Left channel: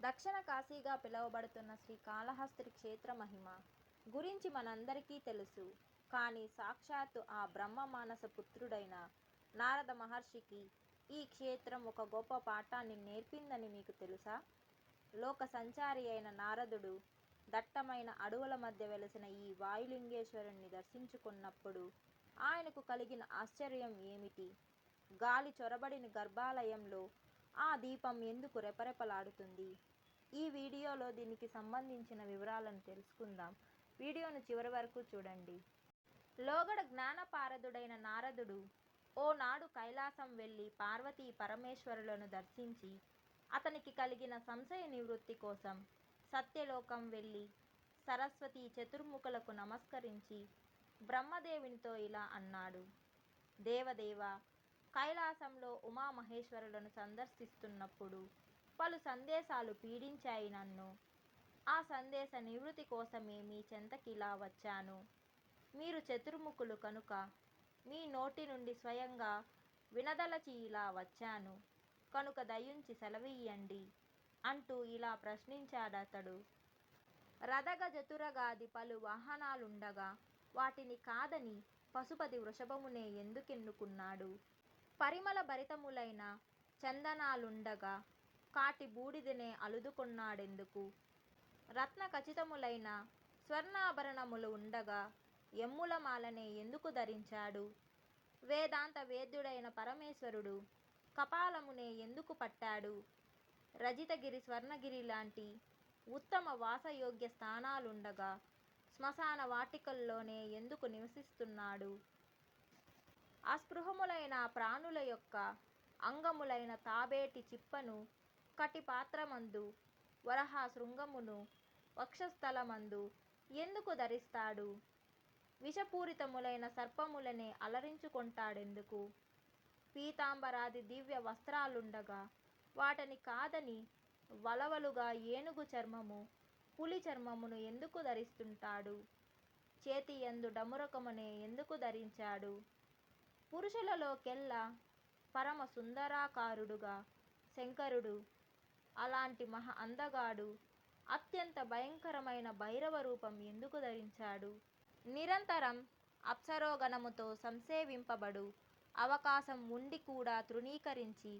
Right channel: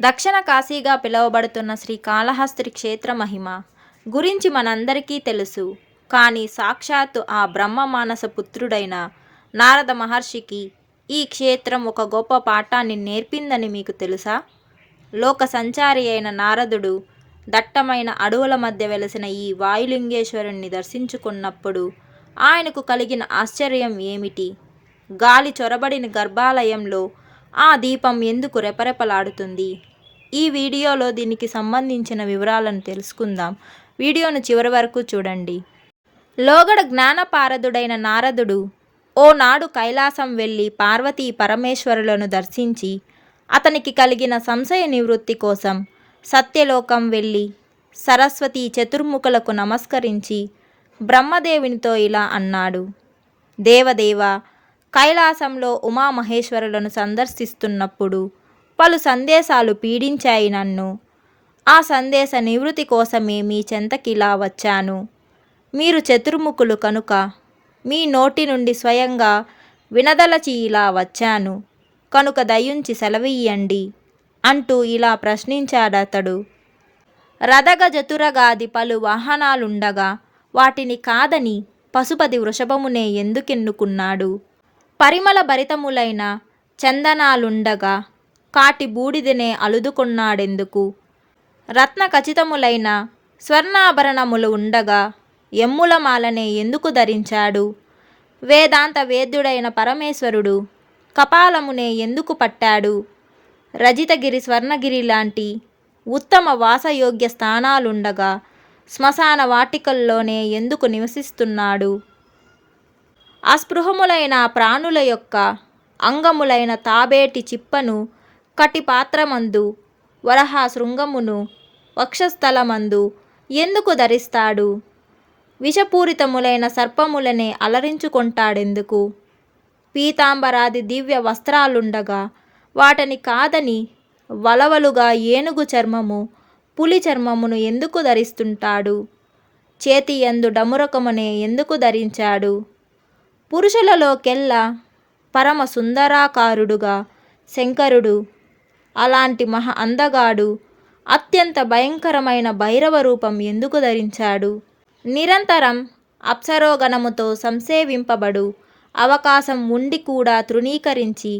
దక్షిణ కాశీగా పిలువబడుతున్న శ్రీకాళహస్తి క్షేత్ర మహిమ గురించి మనందరికీ తెలుసు. కానీ సాక్షాత్తు ఆ బ్రహ్మ మానస పుత్రుడైన నారద మహర్షికి ఈ క్షేత్రం ఒక గొప్ప పాఠాన్ని నేర్పిందని మీకు తెలుసా? లోక సంచారి అయిన నారదుడు దట్టమైన అడవుల మధ్య వెలసిన ఈ వాయులింగేశ్వరుణ్ణి దర్శించుకున్నప్పుడు ఆయనకు కలిగిన ఆశ్చర్యం ఏమిటి? గాలి చొరబడిన గర్భాలయంలో ఆ దీపం ఎందుకు రెపరెపలాడుతుంది? ఈ వీడియోలో దీనికి సంబంధించిన వివరాలను తెలుసుకుందాం. వీడియోను చివరి వరకు చూడండి. లోగడ జ్ఞానపారదుడైన నారదుడు ఓనాడు కైలాసం వెళ్ళి పార్వతీ పరమేశ్వరులను దర్శించి అతనికి కలిగిన సంశయ నివృత్తి కోసం సత్యలోకం వెళ్ళి సరస్వతీ చతుర్ముఖులకు నమస్కరించి బ్రహ్మదేవునితో ఇలా అన్నాడు: దేవదేవ, కైలాసంలో ఉమామహేశ్వరులను సందర్శిస్తున్నప్పుడు పలు సందేశాలు పీడించాయి నన్ను. ఆ సందేశ నివృత్తి కోసమే మీ చెంతకిలా వచ్చాను. మీరు చతుర్ముఖులు కనుక మీ నోటి నుండి స్వయంగా వినదలచి ఇలా వచ్చాను కనుక దయుంచి సెలవియ్యండి అంటూ ఇలా ప్రశ్నించాడతడు. రథగజతురగాది పలు వాహనాలుండగా వాటిని కాదని పశుపతి వృషభమునే ఎందుకెన్నుకున్నాడు? పరిమళ భరితములైన చందనాలుండగా కాటి బూడిదనే అలుదుకొన్నాడెందుకు? రత్న ఖచితములైన స్వర్ణాభరణములు ఉండగా ఎమ్ములమాలనే ఎందుకు ధరించాడు? వేదాంత వేద్యుడైన పరమేశ్వరుడు కపాలమునే ఎందుకు పట్టాడు? రజితగిరి, స్వర్ణగిరి లాంటి ఉత్తమ వాసయోగ్య స్థానాలుండగా శ్మశాన వాటికల్లోనే ఎందుకు నివసిస్తున్నాడు? అస్పృహములైన ప్రాణుల యొక్క అంగములైన తాబేటి చిప్పను కటిపాత్రమందు, వరహ శృంగమును వక్షస్థలమందు ఎందుకు ధరిస్తాడు? విషపూరితములైన సర్పములనే అలరించుకొంటాడెందుకు? పీతాంబరాది దివ్య వస్త్రాలుండగా వాటిని కాదని వలవలుగా ఏనుగు చర్మము, పులి చర్మమును ఎందుకు ధరిస్తుంటాడు? చేతియందు డమురకమునే ఎందుకు ధరించాడు? పురుషులలోకెల్లా పరమ సుందరాకారుడుగా శంకరుడు అలాంటి మహా అందగాడు అత్యంత భయంకరమైన భైరవ రూపం ఎందుకు ధరించాడు? నిరంతరం అప్సరోగణముతో సంసేవింపబడు అవకాశం ఉండి కూడా తృణీకరించి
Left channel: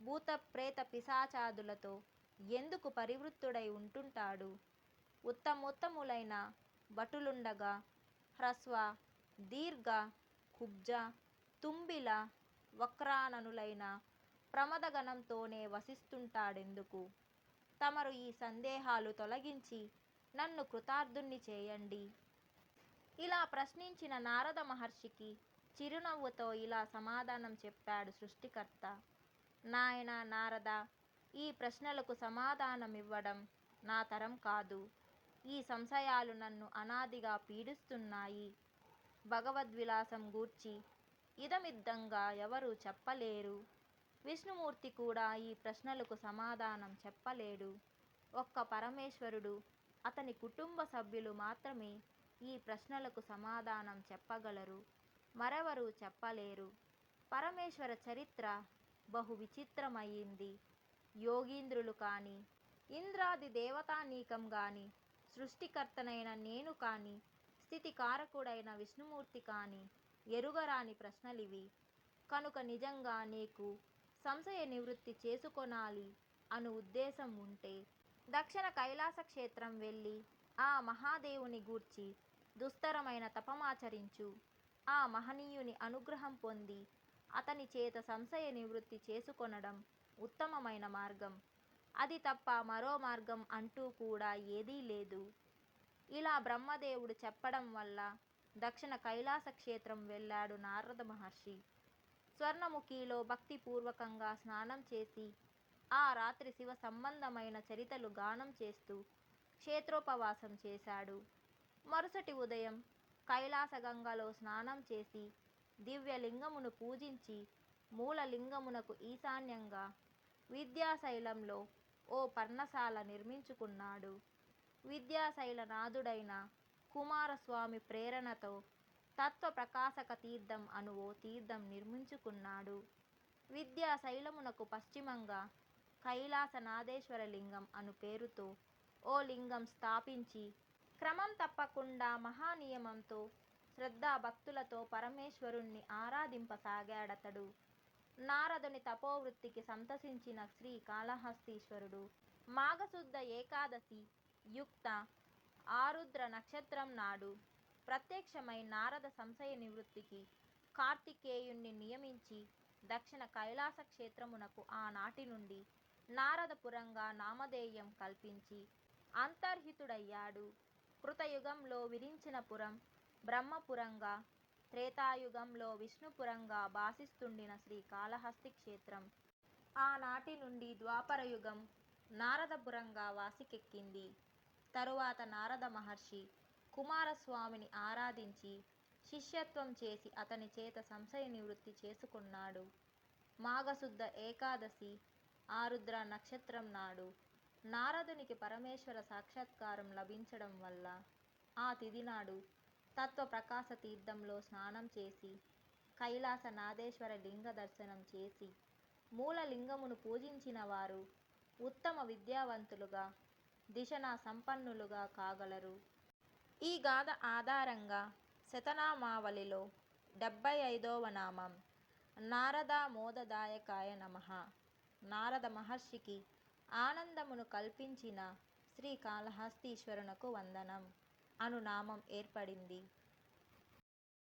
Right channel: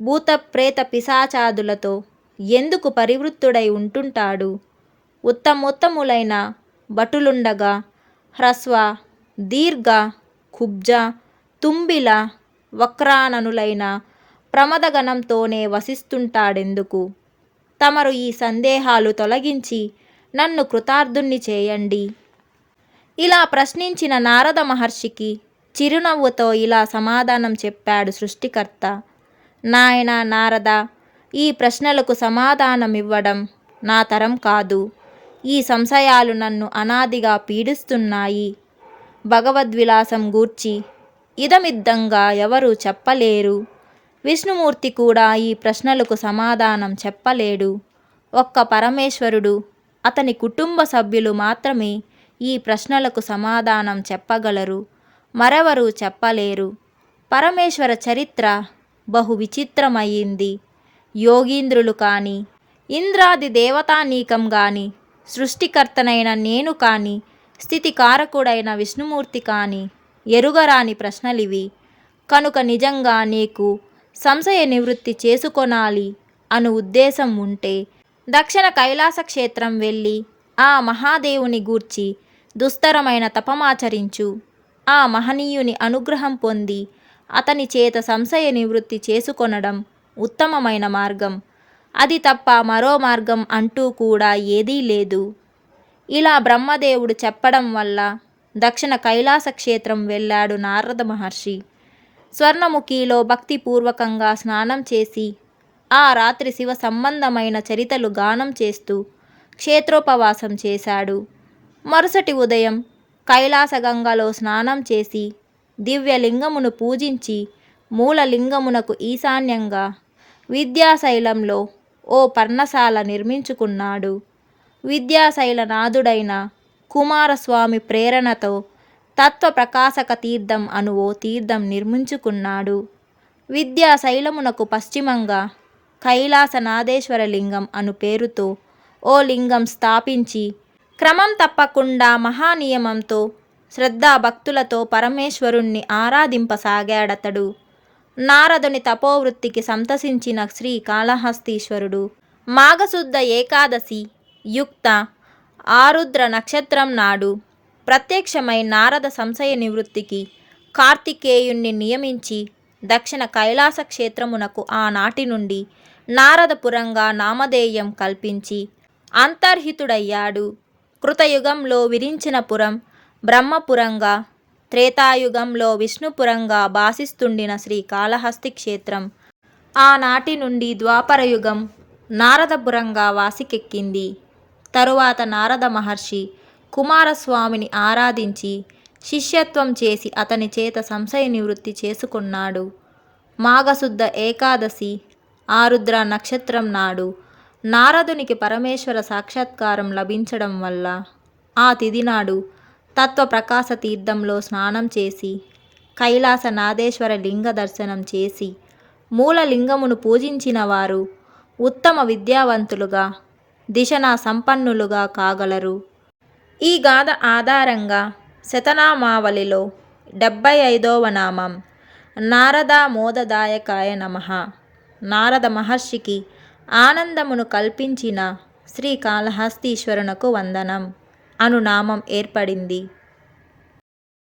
భూత ప్రేత పిశాచాదులతో ఎందుకు పరివృత్తుడై ఉంటుంటాడు? ఉత్తమోత్తములైన భటులుండగా హ్రస్వ, దీర్ఘ, కుబ్జ, తుంబిల, వక్రాననులైన ప్రమదగణంతోనే వసిస్తుంటాడెందుకు? తమరు ఈ సందేహాలు తొలగించి నన్ను కృతార్థుణ్ణి చేయండి. ఇలా ప్రశ్నించిన నారద మహర్షికి చిరునవ్వుతో ఇలా సమాధానం చెప్పాడు సృష్టికర్త. నాయనా నారద, ఈ ప్రశ్నలకు సమాధానమివ్వడం నా తరం కాదు. ఈ సంశయాలు నన్ను అనాదిగా పీడిస్తున్నాయి. భగవద్విలాసం గూర్చి ఇదమిద్దంగా ఎవరూ చెప్పలేరు. విష్ణుమూర్తి కూడా ఈ ప్రశ్నలకు సమాధానం చెప్పలేడు. ఒక్క పరమేశ్వరుడు, అతని కుటుంబ సభ్యులు మాత్రమే ఈ ప్రశ్నలకు సమాధానం చెప్పగలరు. మరెవరూ చెప్పలేరు. పరమేశ్వర చరిత్ర బహు విచిత్రమయ్యింది. యోగీంద్రులు కానీ, ఇంద్రాది దేవతానీకం గాని, సృష్టికర్తనైన నేను కానీ, స్థితికారకుడైన విష్ణుమూర్తి కానీ ఎరుగరాని ప్రశ్నలివి. కనుక నిజంగా నీకు సంశయ నివృత్తి చేసుకొనాలి అను ఉద్దేశం ఉంటే దక్షిణ కైలాస క్షేత్రం వెళ్ళి ఆ మహాదేవుని గూర్చి దుస్తరమైన తపమాచరించు. ఆ మహనీయుని అనుగ్రహం పొంది అతని చేత సంశయ నివృత్తి చేసుకొనడం ఉత్తమమైన మార్గం. అది తప్ప మరో మార్గం అంటూ కూడా ఏదీ లేదు. ఇలా బ్రహ్మదేవుడు చెప్పడం వల్ల దక్షిణ కైలాస క్షేత్రం వెళ్ళాడు నారద మహర్షి. స్వర్ణముఖిలో భక్తిపూర్వకంగా స్నానం చేసి ఆ రాత్రి శివ సంబంధమైన చరితలు గానం చేస్తూ క్షేత్రోపవాసం చేశాడు. మరుసటి ఉదయం కైలాసగంగలో స్నానం చేసి దివ్యలింగమును పూజించి మూలలింగమునకు ఈశాన్యంగా విద్యాశైలంలో ఓ పర్ణశాల నిర్మించుకున్నాడు. విద్యాశైలనాథుడైన కుమారస్వామి ప్రేరణతో తత్వప్రకాశక తీర్థం అను ఓ తీర్థం నిర్మించుకున్నాడు. విద్యాశైలమునకు పశ్చిమంగా కైలాసనాథేశ్వర లింగం అను పేరుతో ఓ లింగం స్థాపించి క్రమం తప్పకుండా మహానియమంతో శ్రద్ధాభక్తులతో పరమేశ్వరుణ్ణి ఆరాధింపసాగాడతడు. నారదుని తపోవృత్తికి సంతసించిన శ్రీ కాళహస్తీశ్వరుడు మాఘశుద్ధ ఏకాదశి యుక్త ఆరుద్ర నక్షత్రం నాడు ప్రత్యక్షమై నారద సంశయ నివృత్తికి కార్తికేయుణ్ణి నియమించి దక్షిణ కైలాస క్షేత్రమునకు ఆనాటి నుండి నారదపురంగా నామధేయం కల్పించి అంతర్హితుడయ్యాడు. కృతయుగంలో విరించిన పురం బ్రహ్మపురంగా, త్రేతాయుగంలో విష్ణుపురంగా భాసిస్తుండిన శ్రీ కాళహస్తి క్షేత్రం ఆనాటి నుండి ద్వాపరయుగం నారదపురంగా వాసికెక్కింది. తరువాత నారద మహర్షి కుమారస్వామిని ఆరాధించి శిష్యత్వం చేసి అతని చేత సంశయ నివృత్తి చేసుకున్నాడు. మాఘశుద్ధ ఏకాదశి ఆరుద్ర నక్షత్రం నాడు నారదునికి పరమేశ్వర సాక్షాత్కారం లభించడం వల్ల ఆ తిథి నాడు తత్వప్రకాశ తీర్థంలో స్నానం చేసి కైలాసనాథేశ్వర లింగ దర్శనం చేసి మూలలింగమును పూజించిన వారు ఉత్తమ విద్యావంతులుగా దిశనా సంపన్నులుగా కాగలరు. ఈ గాథ ఆధారంగా శతనామావళిలో 75వ నామం నారదామోదదాయకాయ నమః. నారద మహర్షికి ఆనందమును కల్పించిన శ్రీ కాళహస్తీశ్వరునకు వందనం అను నామం ఏర్పడింది.